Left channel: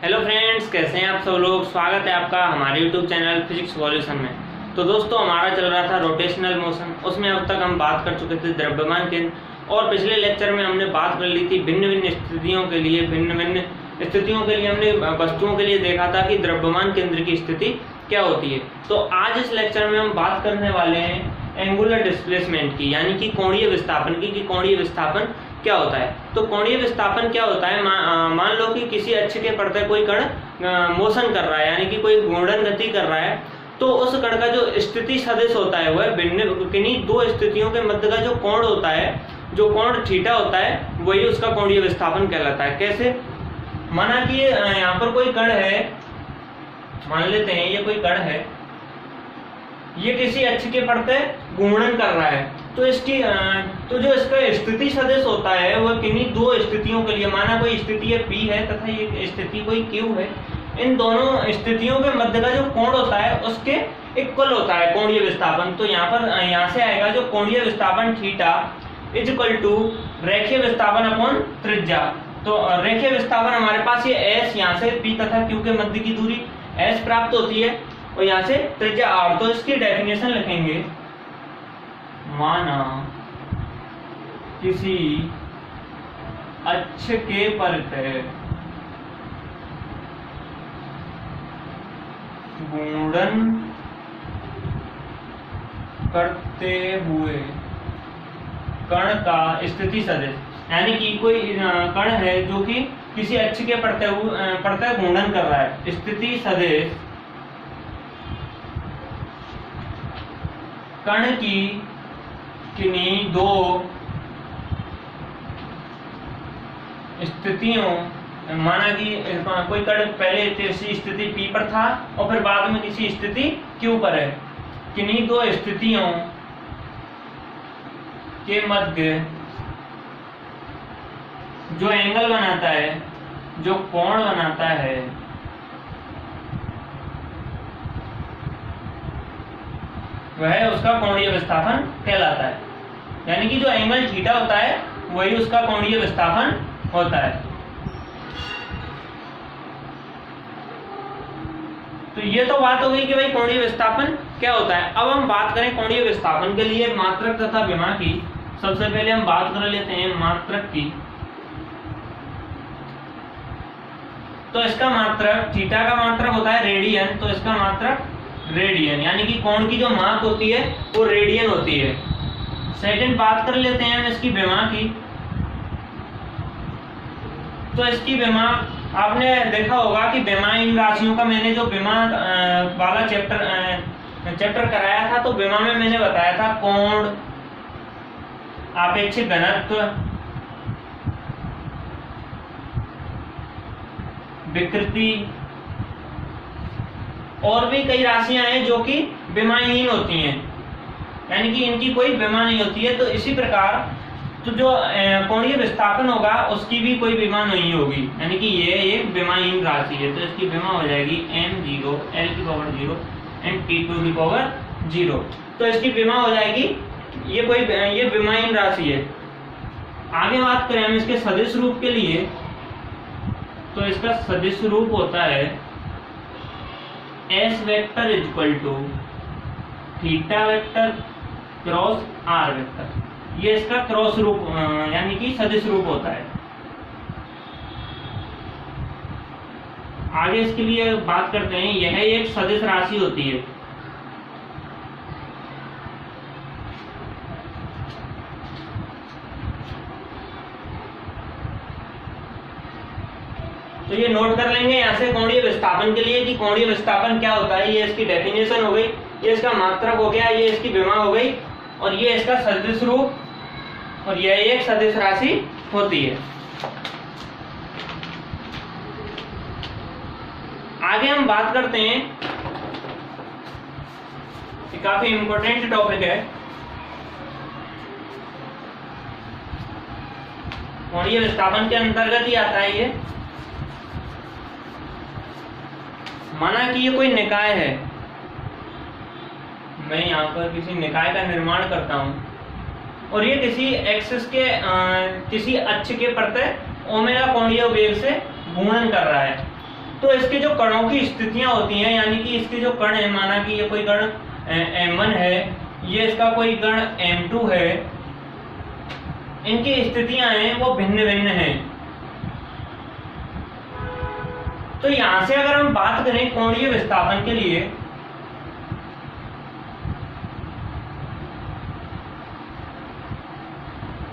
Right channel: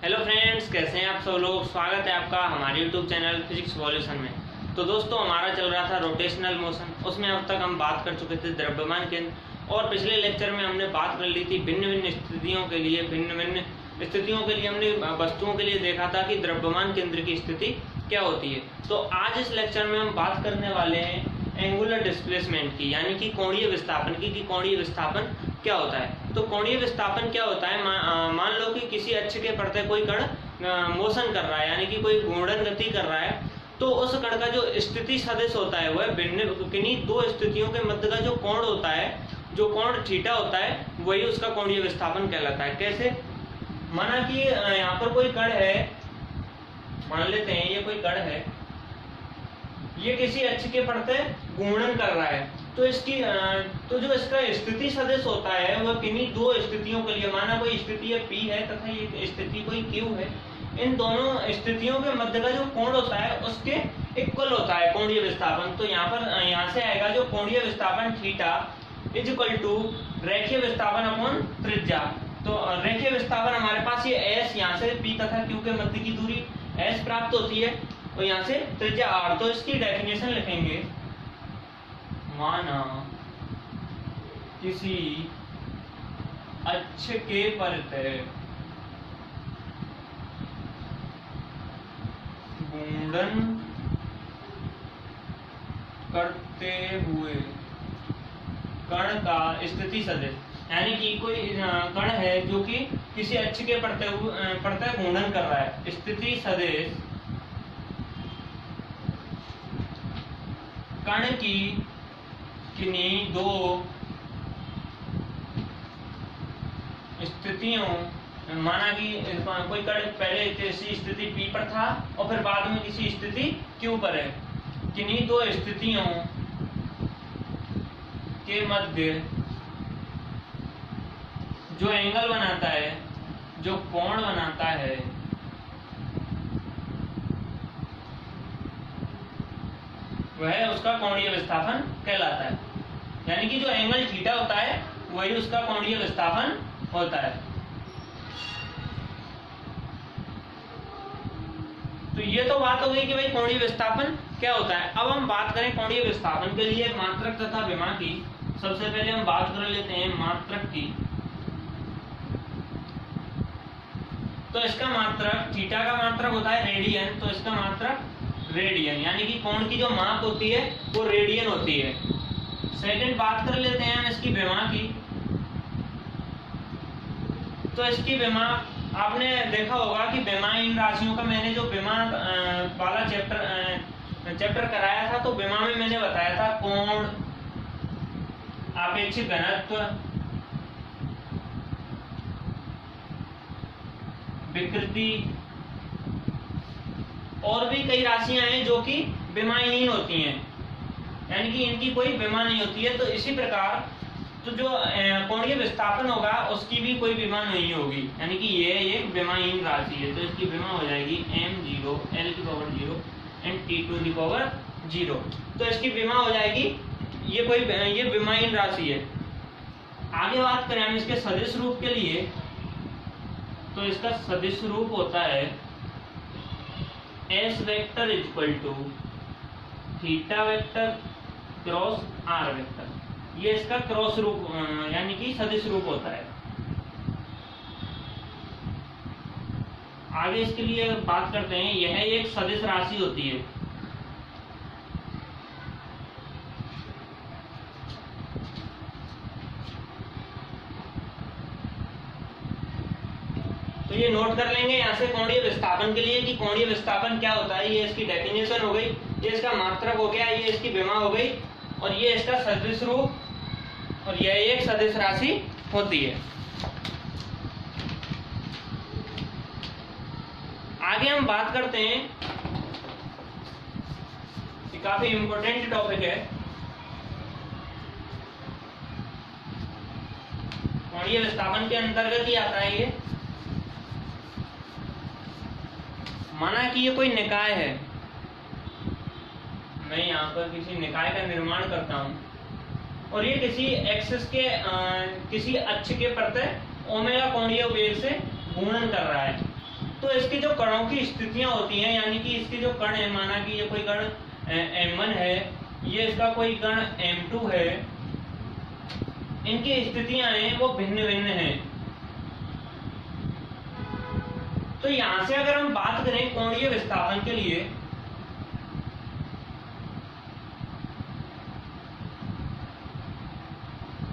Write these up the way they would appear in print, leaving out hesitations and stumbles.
Hello friends, कैसे हैं आप सब लोग। स्वागत है आपका हमारे यूट्यूब चैनल फिजिक्स सॉल्यूशन में। तो दोस्तों, हमारा चल रहा था रोटेशनल मोशन। उसमें अब तक हम बात कर चुके थे द्रव्यमान केंद्र, और पिछले लेक्चर में हमने बात कर ली थी भिन्न भिन्न स्थितियों के लिए हमने वस्तुओं के लिए देखा था कि द्रव्यमान केंद्र की स्थिति क्या होती है। तो आज इस लेक्चर में हम बात करने वाले हैं एंगुलर डिस्प्लेसमेंट की, यानी कि कोणीय विस्थापन की, कि कोणीय विस्थापन क्या होता है। तो कोणीय विस्थापन क्या होता है, मान लो कि किसी अक्ष के प्रति कोई कण मोशन कर रहा है, यानी कि कोई घूर्णन गति कर रहा है, तो उस कण का जो स्थिति सदिश होता है वह किन्हीं दो स्थितियों के मध्य का जो कोण होता है, जो कोण थीटा होता है, वही उसका कोणीय विस्थापन कहलाता है। कैसे, माना कि यहाँ पर कोई कण है, मान लेते हैं ये कोई कण है, ये किसी अक्ष के प्रति घूर्णन कर रहा है, तो जो इसका स्थिति सदिश होता है वह किन्हीं दो स्थितियों के लिए, माना कोई स्थिति P है तथा ये स्थिति कोई Q है, इन दोनों स्थितियों के मध्य का जो कोण होता है उसके इक्वल होता है कोणीय विस्थापन। तो यहाँ से आएगा जो कोणीय विस्थापन थीटा इज इक्वल टू रेखीय विस्थापन अपॉन त्रिज्या। तो रेखीय विस्थापन हमारे पास ये S, यहाँ से P तथा Q के मध्य की दूरी S प्राप्त होती है, और यहाँ से त्रिज्या R। तो इसकी डेफिनेशन लिखेंगे, माना किसी अक्ष के प्रति घूर्णन करते हुए कण का स्थिति सदिश, यानी कि कोई कण है जो कि किसी अक्ष के प्रति घूर्णन कर रहा है, स्थिति सदिश कण की किन्हीं दो स्थितियों, माना कि कोई कण पहले किसी स्थिति P पर था और फिर बाद में किसी स्थिति Q पर है, किन्हीं दो स्थितियों के मध्य जो एंगल बनाता है, जो कोण बनाता है, वह उसका कोणीय विस्थापन कहलाता है। यानी कि जो एंगल थीटा होता है वही उसका कोणीय विस्थापन होता है। तो ये तो बात हो गई कि भाई कोणीय विस्थापन क्या होता है। अब हम बात करें कोणीय विस्थापन के लिए मात्रक तथा विमा की। सबसे पहले हम बात कर लेते हैं मात्रक की। तो इसका मात्रक, थीटा का मात्रक होता है रेडियन, तो इसका मात्रक रेडियन, यानी कि कोण की जो माप होती है वो रेडियन होती है। सेकंड बात कर लेते हैं हम इसकी विमा की। तो इसकी विमा, आपने देखा होगा कि विमाहीन राशियों का मैंने जो विमा वाला चैप्टर कराया था, तो विमा में मैंने बताया था कोण, आपेक्षिक घनत्व, विकृति, और भी कई राशियां हैं जो कि विमाहीन होती हैं, यानी कि इनकी कोई विमा नहीं होती है। तो इसी प्रकार तो जो कोणीय विस्थापन होगा उसकी भी कोई विमा नहीं होगी, यानी कि ये एक विमाहीन राशि है। तो इसकी विमा हो जाएगी m0 l⁴ एंड t⁴। तो इसकी विमा हो जाएगी, ये विमाहीन राशि है। आगे बात करें हम इसके सदिश रूप के लिए, तो इसका सदिश रूप होता है S vector is equal to theta vector cross R vector. ये इसका क्रॉस रूप यानी कि सदिश रूप होता है। आगे इसके लिए बात करते हैं, यह एक सदिश राशि होती है। तो ये नोट कर लेंगे यहाँ से कोणीय विस्थापन के लिए कि कोणीय विस्थापन क्या होता है। ये इसकी डेफिनेशन हो गई, ये इसका मात्रक हो गया, ये इसकी विमा हो गई, और ये इसका सदिश रूप, और यह एक सदिश राशि होती है। आगे हम बात करते हैं, ये काफी इंपॉर्टेंट टॉपिक है, कोणीय विस्थापन के अंतर्गत ही आता है ये। माना कि ये कोई निकाय है, मैं यहाँ पर किसी निकाय का निर्माण करता हूं, और ये किसी एक्सिस के किसी अक्ष के प्रति ओमेगा कोणीय वेग से घूर्णन कर रहा है। तो इसके जो कणों की स्थितियां होती हैं, यानी कि इसके जो कण है, माना कि ये कोई कण m1 है, ये इसका कोई कण m2 है, इनकी स्थितियां हैं वो भिन्न भिन्न हैं। तो यहां से अगर हम बात करें कोणीय विस्थापन के लिए,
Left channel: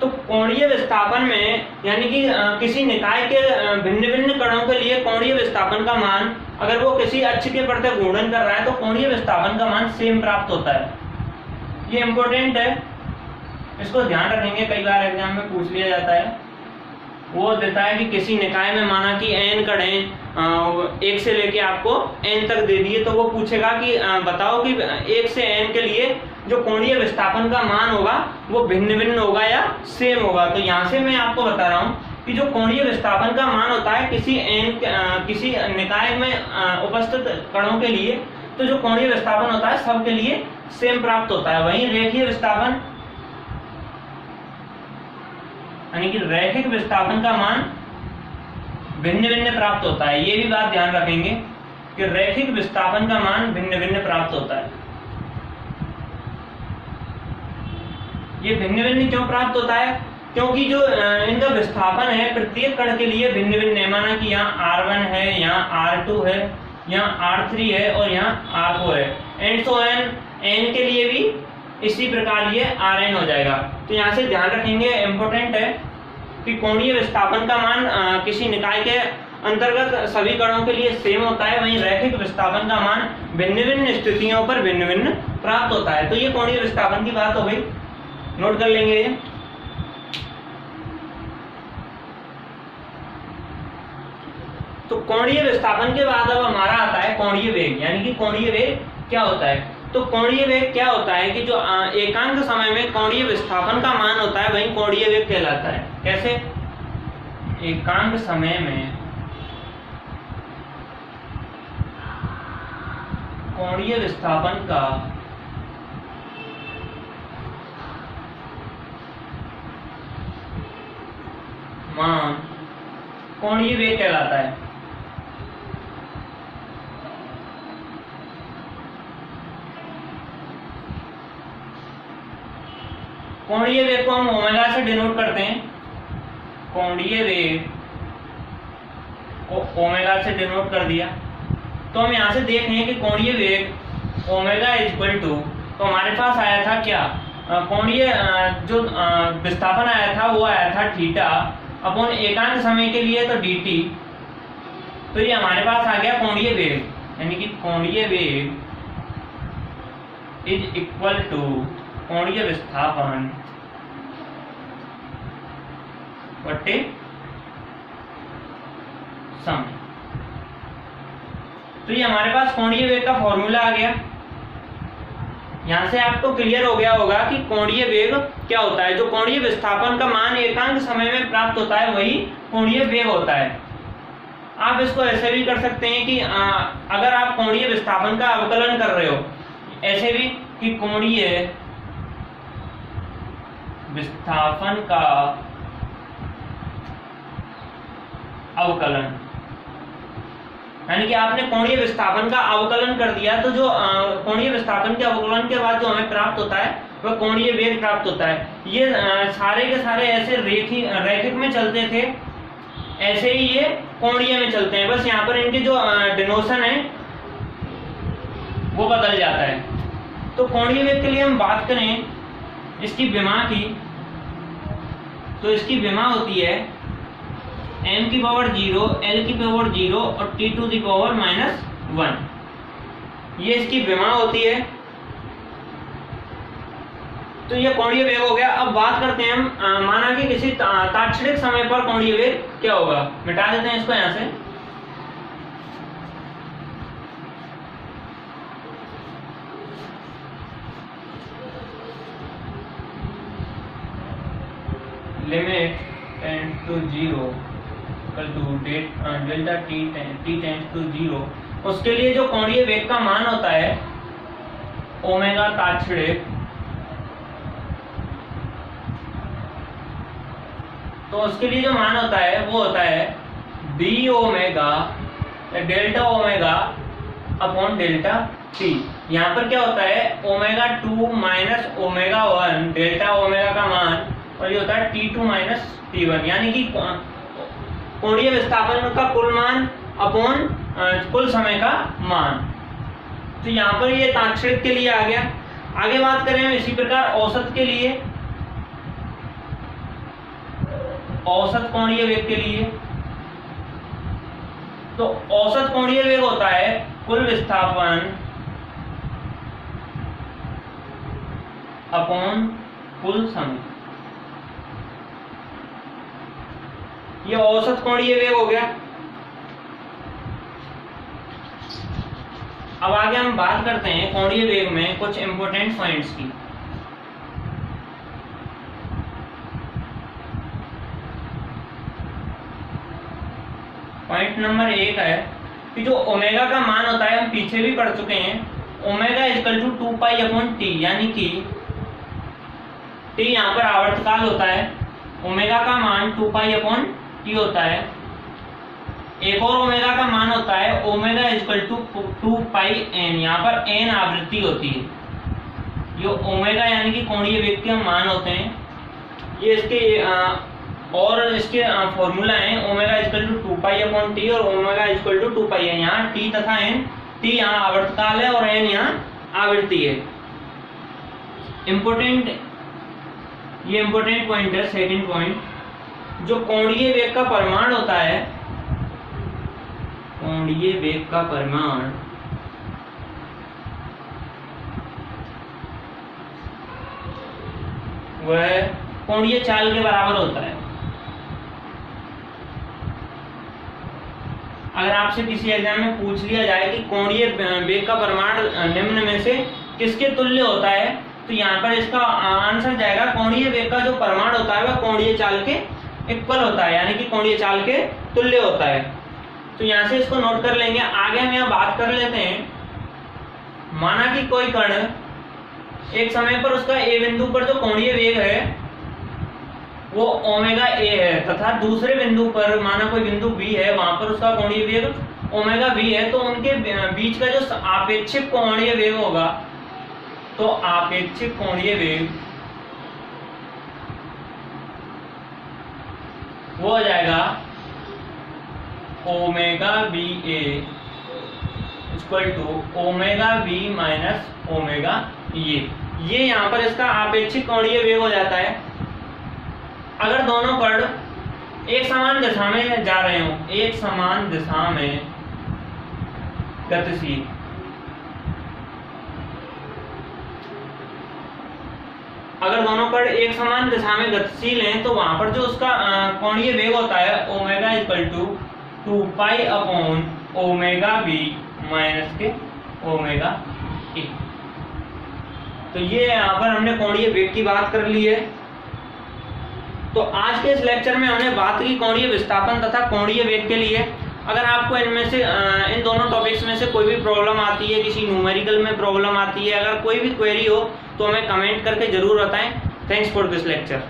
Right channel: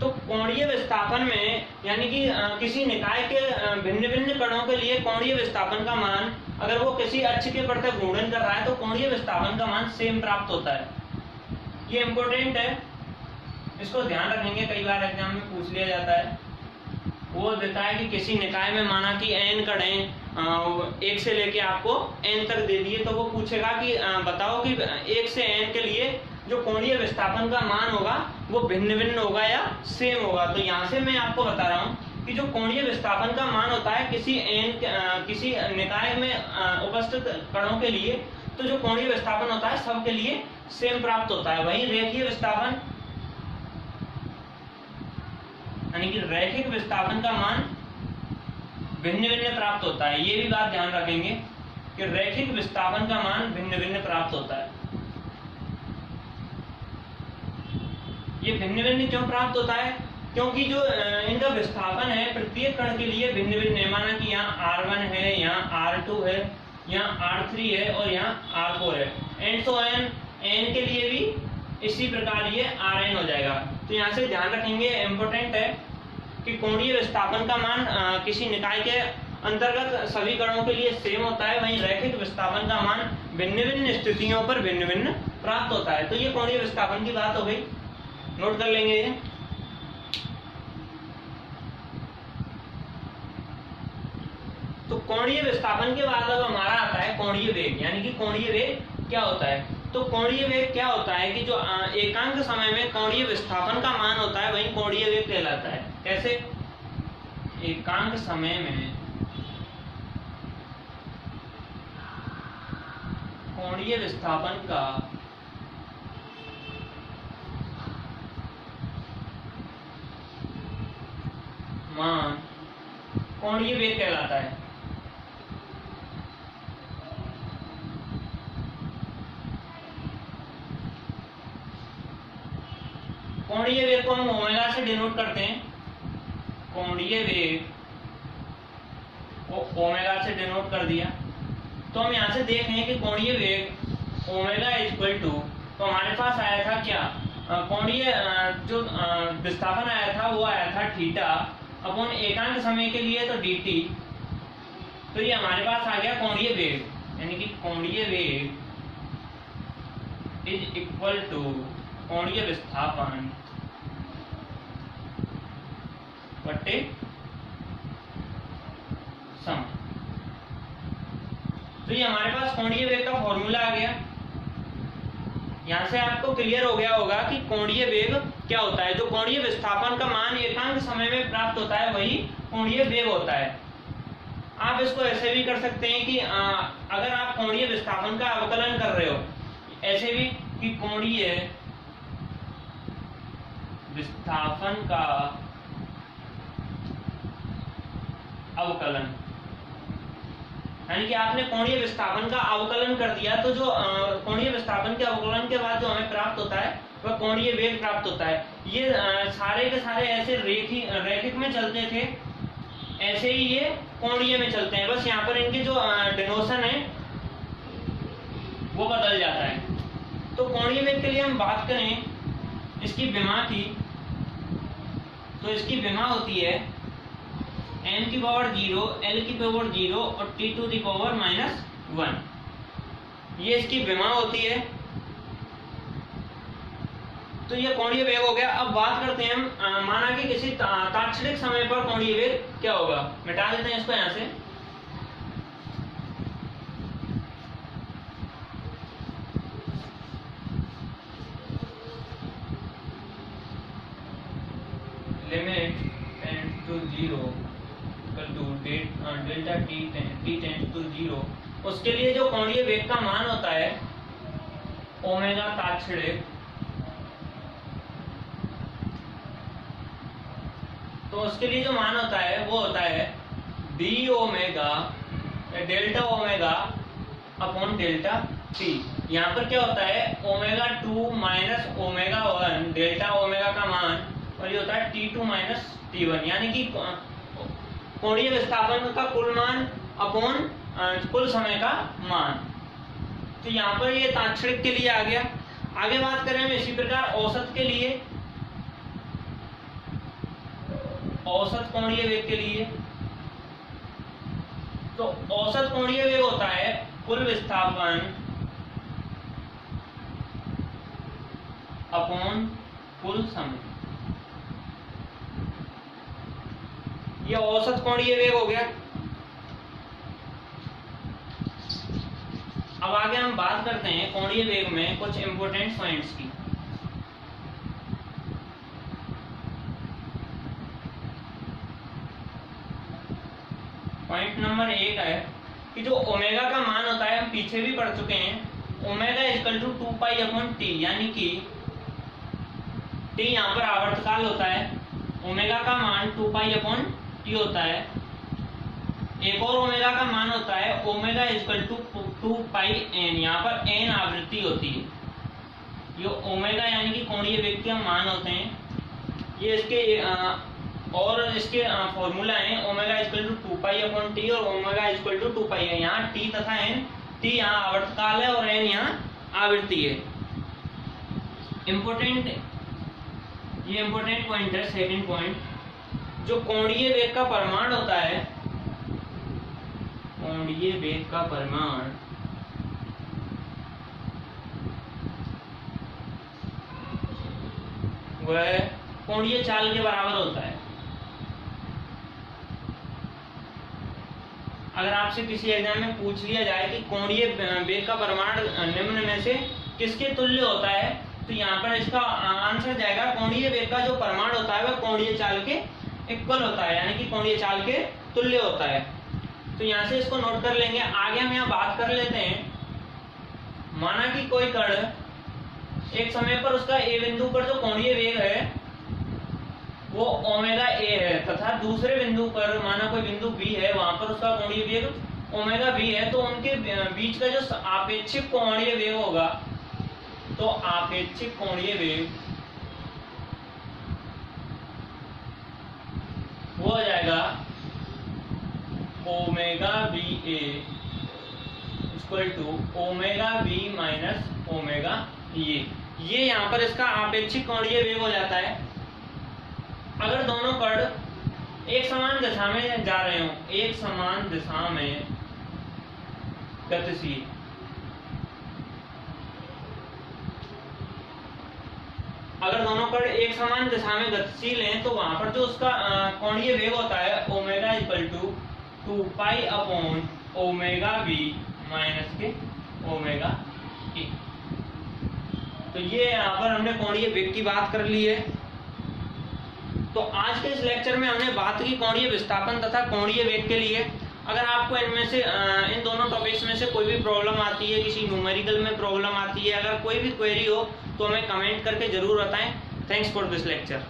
तो कोणीय विस्थापन में यानी कि किसी निकाय के भिन्न भिन्न कणों के लिए कोणीय विस्थापन का मान अगर वो किसी अक्ष के प्रति घूर्णन कर रहा है तो कोणीय विस्थापन का मान सेम प्राप्त होता है। ये इंपॉर्टेंट है, इसको ध्यान रखेंगे, कई बार एग्जाम में पूछ लिया जाता है। वो देता है कि किसी निकाय में माना कि n कण हैं, 1 से लेके आपको n तक दे दिए, तो वो पूछेगा कि बताओ कि 1 से n के लिए जो कोणीय विस्थापन का मान होगा वो भिन्न भिन्न होगा या सेम होगा। तो यहाँ से मैं आपको बता रहा हूँ कि जो कोणीय विस्थापन का मान होता है किसी निकाय में उपस्थित कणों के लिए, तो जो कोणीय विस्थापन होता है सबके लिए सेम प्राप्त होता है। वहीं रेखीय विस्थापन यानी कि रैखिक विस्थापन का मान भिन्न भिन्न प्राप्त होता है। ये भी बात ध्यान रखेंगे कि रैखिक विस्थापन का मान भिन्न भिन्न प्राप्त होता है। ये भिन्न भिन्न क्यों प्राप्त होता है? क्योंकि जो इनका विस्थापन है प्रत्येक कण के लिए भिन्न भिन्न है। माना कि यहाँ R1 है, यहाँ R2 है, यहाँ R3 है और यहाँ R4 है, एंड सो n के लिए भी इसी प्रकार ये Rn हो जाएगा। तो यहाँ से ध्यान रखेंगे, इंपॉर्टेंट है कि कोणीय विस्थापन का मान किसी निकाय के अंतर्गत सभी कणों के लिए सेम होता है, वहीं रैखिक विस्थापन का मान भिन्न भिन्न स्थितियों पर भिन्न भिन्न प्राप्त होता है। तो ये कोणीय विस्थापन की बात हो गई, नोट कर लेंगे। तो कोणीय विस्थापन के बाद अब हमारा आता है कोणीय वेग, यानी कि कोणीय वेग क्या होता है। तो कोणीय वेग क्या होता है कि जो एकांक समय में कोणीय विस्थापन का मान होता है वही कोणीय वेग कहलाता है। कैसे? एकांक समय में कोणीय विस्थापन का मान कोणीय वेग कहलाता है। कोणीय वेग को हम ओमेगा से डिनोट करते हैं। कोणीय वेग को ओमेगा से डिनोट कर दिया, तो हम यहाँ से देख रहे हैं कि कोणीय वेग ओमेगा इक्वल टू, तो हमारे पास आया था क्या, कोणीय जो विस्थापन आया था वो आया था थीटा अपॉन एकांक समय के लिए तो dt। तो ये हमारे पास आ गया कोणीय वेग, यानी कि कोणीय वेग इज इक्वल टू कोणीय विस्थापन बटे समय। तो ये हमारे पास कोणीय वेग का फॉर्मूला आ गया। यहां से आपको क्लियर हो गया होगा कि कोणीय वेग क्या होता है। जो कोणीय विस्थापन का मान एकांक समय में प्राप्त होता है वही कोणीय वेग होता है। आप इसको ऐसे भी कर सकते हैं कि अगर आप कोणीय विस्थापन का अवकलन कर रहे हो, ऐसे भी कि कोणीय विस्थापन का अवकलन, यानी कि आपने कोणीय विस्थापन का अवकलन कर दिया, तो जो कोणीय विस्थापन के अवकलन के बाद जो हमें प्राप्त होता है वह कोणीय वेग प्राप्त होता है। ये सारे के सारे ऐसे रैखिक में चलते थे, ऐसे ही ये कोणीय में चलते हैं, बस यहाँ पर इनके जो डिनोशन है वो बदल जाता है। तो कोणीय वेग के लिए हम बात करें इसकी विमा की, तो इसकी विमा होती है m की पावर 0, l की पावर 0 और t टू दी पावर -1, ये इसकी विमा होती है। तो ये कोणीय वेग हो गया। अब बात करते हैं हम, माना कि किसी तात्क्षणिक समय पर कोणीय वेग क्या होगा। मिटा देते हैं इसको यहां से। Limit tends to 0 equal to delta t tends to 0, उसके लिए जो कोणीय वेग का मान होता है ओमेगा तात्क्षणिक, तो उसके लिए जो मान होता है वो होता है b omega delta omega upon delta T. यहाँ पर क्या होता है, omega 2 minus omega 1 delta omega का मान, और ये होता है T2 माइनस T1, यानी कि कोणीय विस्थापन का कुल मान अपॉन कुल समय का मान। तो यहाँ पर ये ताक्षणिक के लिए आ गया। आगे बात करें हम इसी प्रकार औसत के लिए, औसत कोणीय वेग के लिए। तो औसत कोणीय वेग होता है कुल विस्थापन अपॉन कुल समय। ये औसत कोणीय वेग हो गया। अब आगे हम बात करते हैं कोणीय वेग में कुछ इंपॉर्टेंट पॉइंट्स की। पॉइंट नंबर 1 है कि जो ओमेगा का मान होता है, हम पीछे भी पढ़ चुके हैं, omega equal to 2 pi upon T, यानी कि टी यहाँ पर आवर्तकाल होता है, ओमेगा का मान 2 पाई अपॉन टी होता है। एक और ओमेगा का मान होता है omega equal to 2 pi N, यहाँ पर एन आवृत्ति होती है। ये ओमेगा यानी कि कोणीय वेग के मान होते हैं। ये इसके और इसके फॉर्मूला है, omega equal to 2 pi upon T और ओमेगा इक्वल टू 2 पाई है। यहाँ टी तथा एन, टी यहाँ आवर्तकाल है और एन यहाँ आवृत्ति है। ये इंपोर्टेंट पॉइंट है। सेकंड पॉइंट, जो कोणीय वेग का परिमाण होता है, कोणीय वेग का परिमाण वह कोणीय चाल के बराबर होता है। अगर आपसे किसी एग्जाम में पूछ लिया जाए कि कोणीय वेग का परिमाण निम्न में से किसके तुल्य होता है, तो यहाँ पर इसका आंसर जाएगा कोणीय वेग का जो परिमाण होता है वह कोणीय चाल के इक्वल होता है, यानी कि कोणीय चाल के तुल्य होता है। तो यहाँ से इसको नोट कर लेंगे। आगे हम यहाँ बात कर लेते हैं, माना कि कोई कण एक समय पर उसका ए बिंदु पर जो कोणीय वेग है वो ओमेगा ए है, तथा दूसरे बिंदु पर माना कोई बिंदु बी है, वहां पर उसका कोणीय वेग ओमेगा बी है। तो उनके बीच का जो आपेक्षिक कोणीय वेग होगा, तो आपेक्षिक कोणीय वेग वो हो जाएगा omega B A equal to omega B minus omega ये यहाँ पर इसका आपेक्षिक कोणीय वेग हो जाता है। अगर दोनों कण एक समान दिशा में जा रहे हो, एक समान दिशा में गतिशील, अगर दोनों कण एक समान दिशा में गतिशील हैं, तो वहां पर जो उसका कोणीय वेग होता है omega equal to 2 pi upon omega B minus के ओमेगा ए। तो ये यहाँ पर हमने कोणीय वेग की बात कर ली है। तो आज के इस लेक्चर में हमने बात की कोणीय विस्थापन तथा कोणीय वेग के लिए। अगर आपको इनमें से इन दोनों टॉपिक्स में से कोई भी प्रॉब्लम आती है, किसी न्यूमेरिकल में प्रॉब्लम आती है, अगर कोई भी क्वेरी हो तो हमें कमेंट करके जरूर बताएं। Thanks for this lecture.